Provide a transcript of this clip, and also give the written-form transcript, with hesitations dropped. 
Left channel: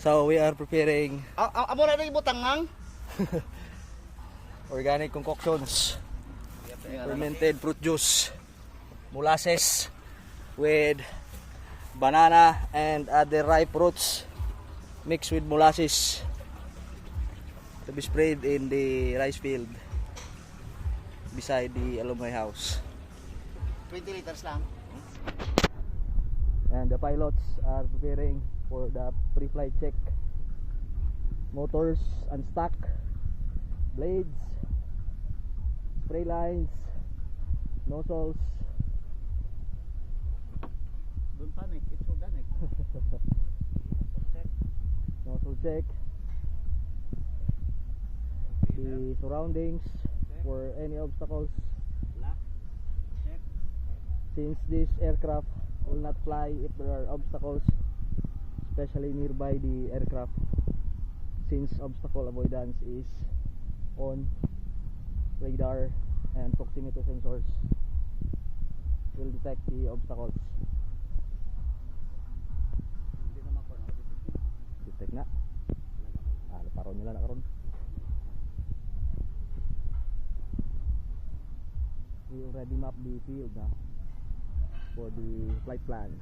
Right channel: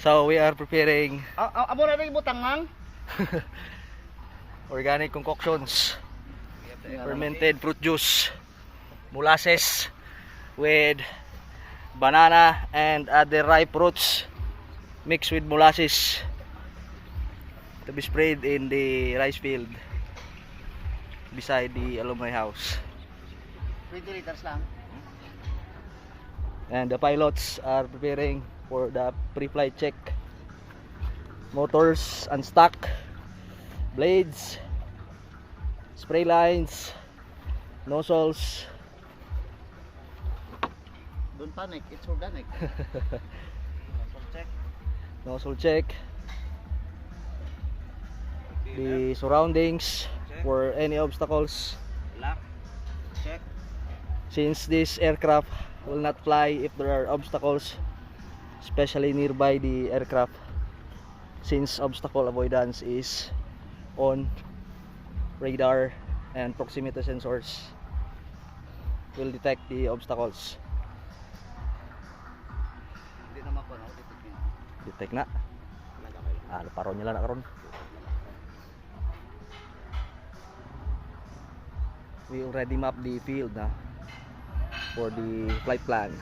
So we are preparing Amo na rin mo tangang. organic concoctions, fermented fruit juice, molasses with banana and other ripe fruits mixed with molasses to be sprayed in the rice field beside the alumni house. 20 liters lang. And the pilots are preparing for the pre-flight check. Motors unstuck, blades, spray lines, nozzles. Don't panic, it's organic. Nozzle check. The surroundings for any obstacles. Check. Since this aircraft will not fly if there are obstacles, especially nearby the aircraft, since obstacle avoidance is on radar and proximity sensors will detect the obstacles. Hindi naman ko na Detect na. Paron nila na karon. We already mapped the field na for the flight plan.